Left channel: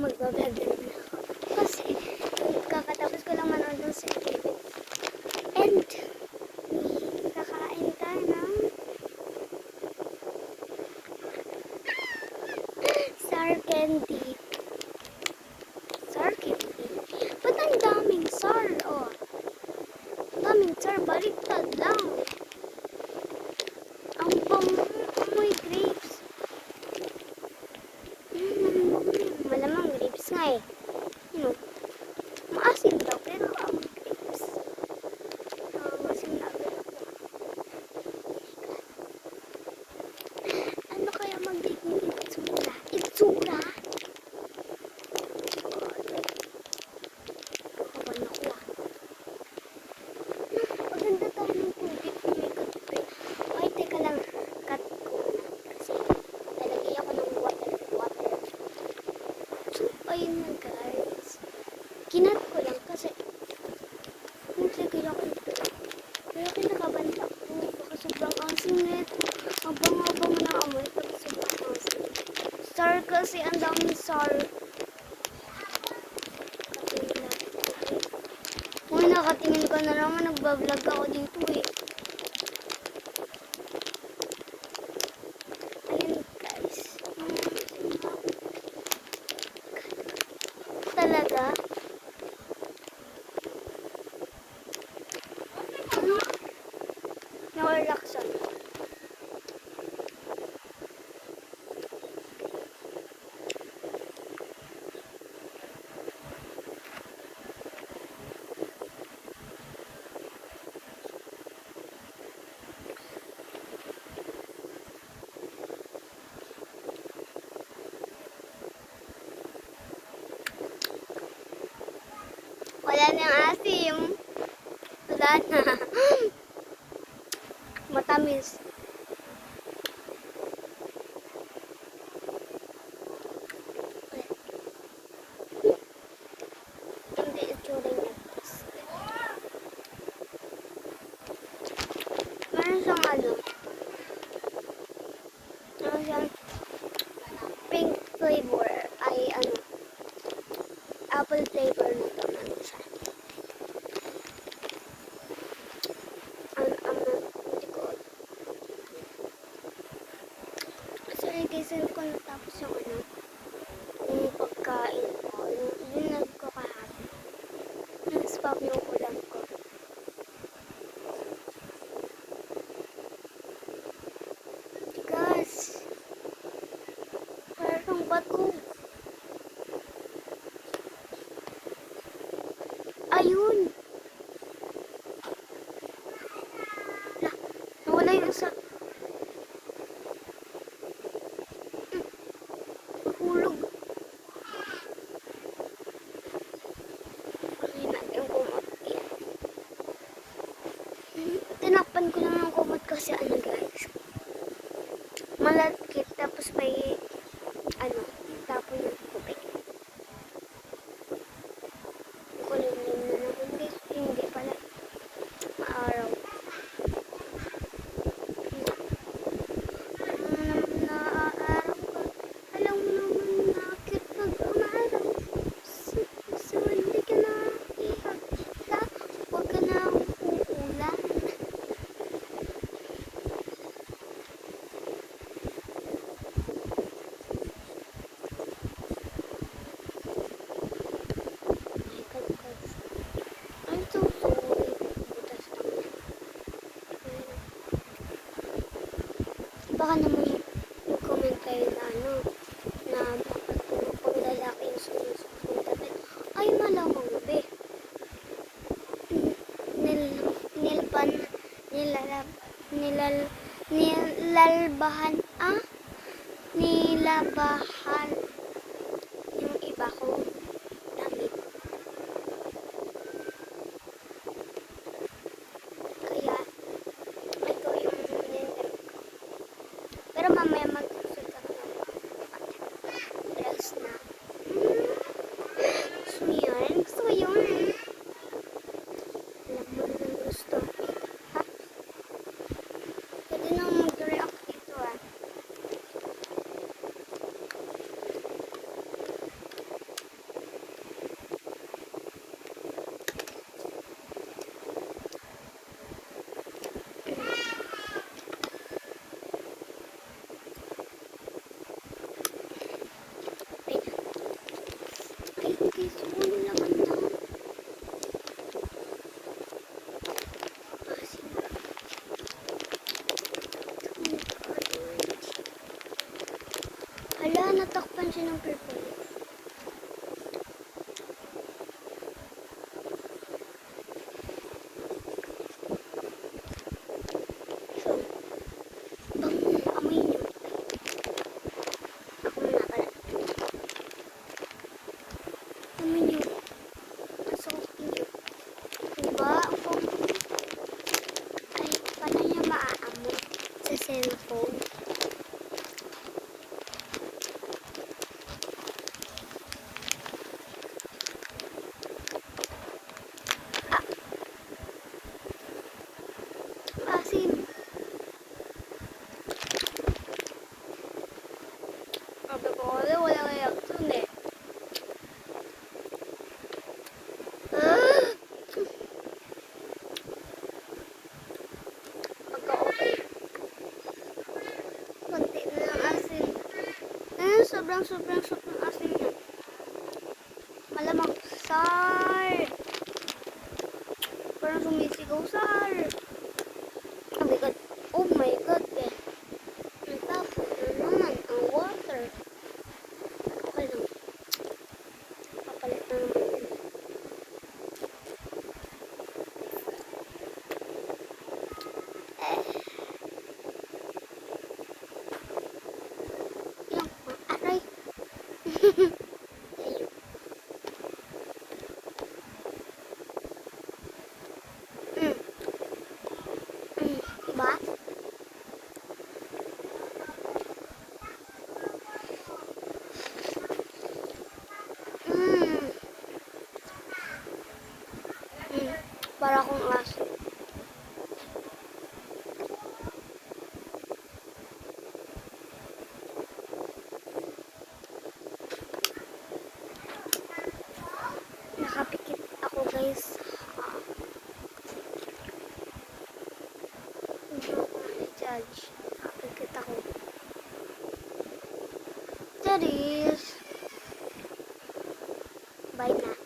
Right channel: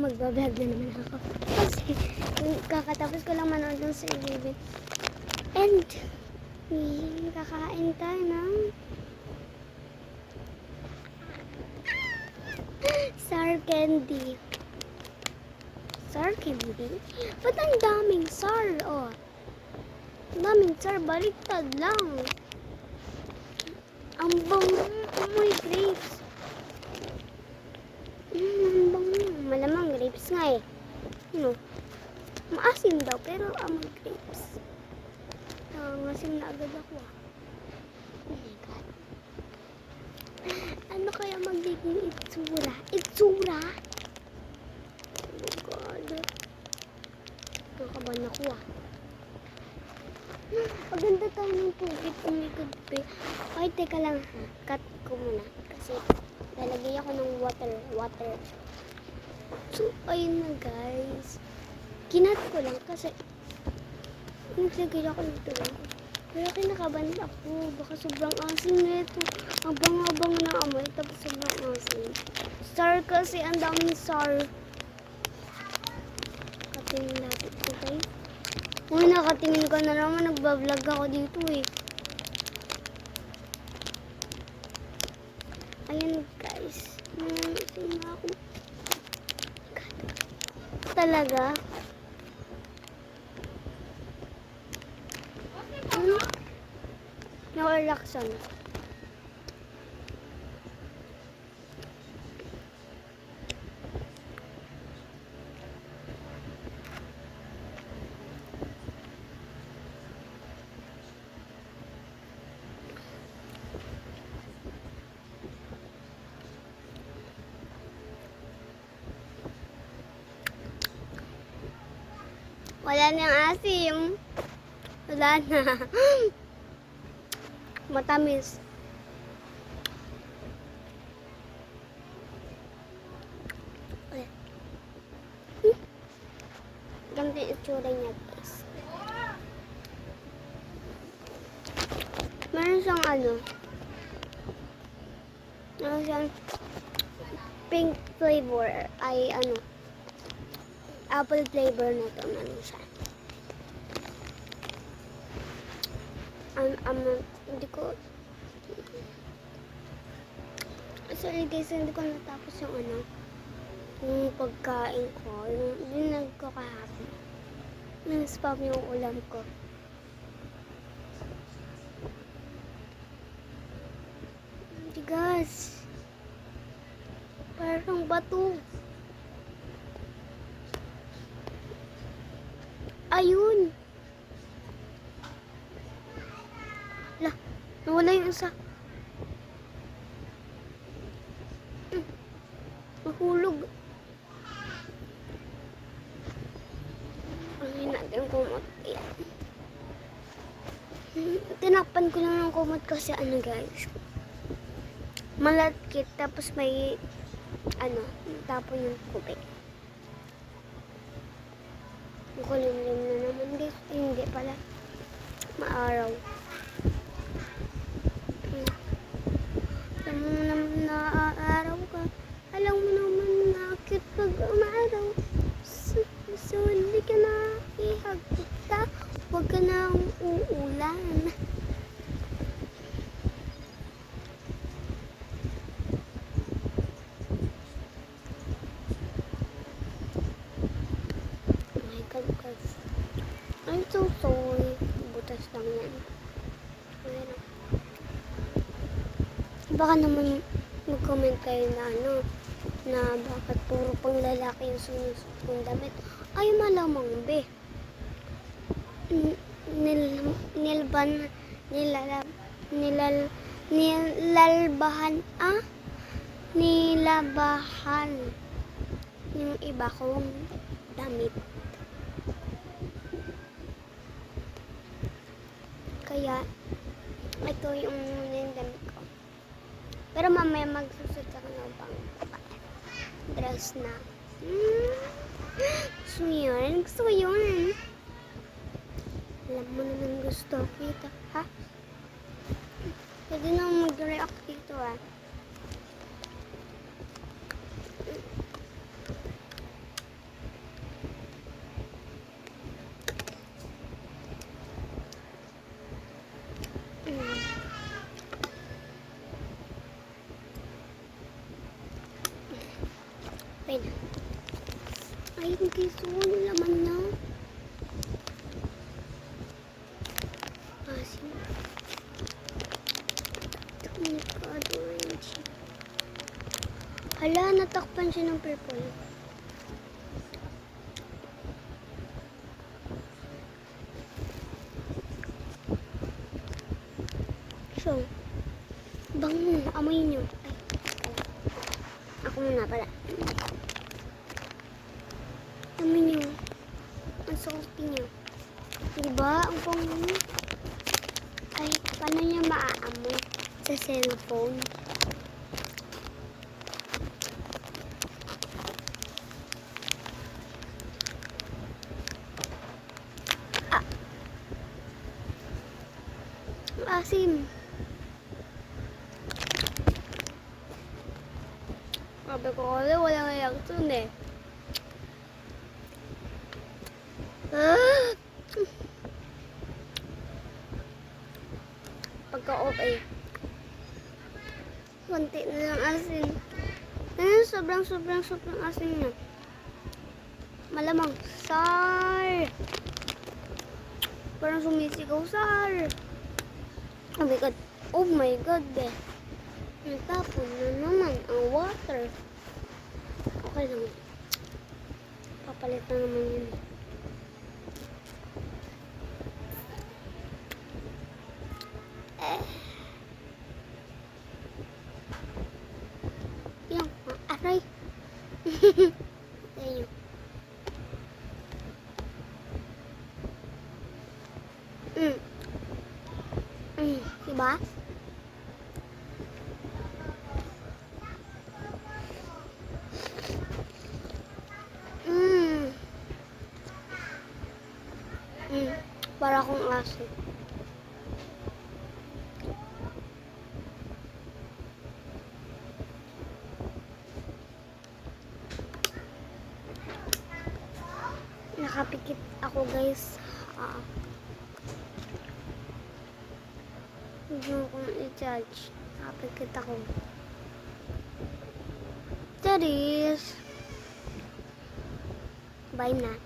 magbablog na naman ako. Kasi, kakatapos ko lang manood ng Silvibit. And, kakain tayo ng sour candy. Sour candy? Ba't ang daming sour, oh? Daming sour, baliktad lang. Ang bango, amoy grapes. Ang bango. Malamang grapes nga eh. Ano? Maasim daw, pero amoy grapes. Maasim na agad ako. Oh my God. Ano kaya magiging itsura? Itsura? Kakabahan ako ah. Maganda tayo ng tubig kung may kagpe. Ay, teka lang. Cut ko muna. Kasi lalagay ako ng water. So, ayun na guys. Kinat ko lang kasi naglagay ako ito. Pero kinakabahan ako. Baka sobrang asim nito. Ang banga-banga na amoy. Tapos sobrang asim. Sour kasi. Ang daming sour. Katingin natin ito guys. Uy, nakatingin ko na naman. Nagbablog ako dito eh. Ayan guys. Talaga. Na-relaxan. Wala nang asim. Wala na. Matamis. Ganda yung itsura niya guys. Meron siyang meron siyang pink flavor. Ay apple flavor na to. Ano siya? Hindi ko sorry guys, hindi ko natapos yung yung pagkain ko. Yung nagkakahapon. Nag-spam yung ulam ko. Tigas. Parang bato. Ayun. Lah, nawala yung isa. Nahulog. Pagin natin yung kumot. Ayan. Tinakpan ko lang yung kumot kasi guys. Malagkit. Tapos may tapon yung kubik. Kulimlim na naman guys. Hindi pala. Maaraw. Alam mo naman na aaraw ka. Alam mo naman na cute pag umaaraw. Suli ka na ihag kita. Huwag ka na uulan. Guys. I'm so sorry. Butas lang yan. Ayan. Baka naman mag-comment kayo na dapat puro pang lalaki yung sinusuot kong damit. Ay malamang be. Nilabahan yung iba kong damit. Kaya, ito yung nindam ko. Pero mamaya magsusot ako ng dress na. Gusto mo yun? Gusto ko yun. Alam mo naman gusto. Ito, ha? Pwede na mag-react dito, ha? Hala, natakpan siya ng purple. So, bango, amoy nyo. Ay, ako muna pala. Amoy nyo. Ang salty nyo. Diba? Ang bango. Ay, paano nyo maaamoy sa cellphone? Asim. Sabi ko kasi walang reaction eh. Pagka-okay. Konti na lang asin. Sobrang asin niya. Malamang. Sar! Parang sumisigaw, Sar! Oh my God. Oh my God, eh. Natapon na naman ang water. Okay lang. Papalit na naman yun. Yung, aray. Tayo. Diba? Para akong aso. Nakapikit ako, guys. Hindi ako i-judge. Nakapikit ako. That is. Bye na.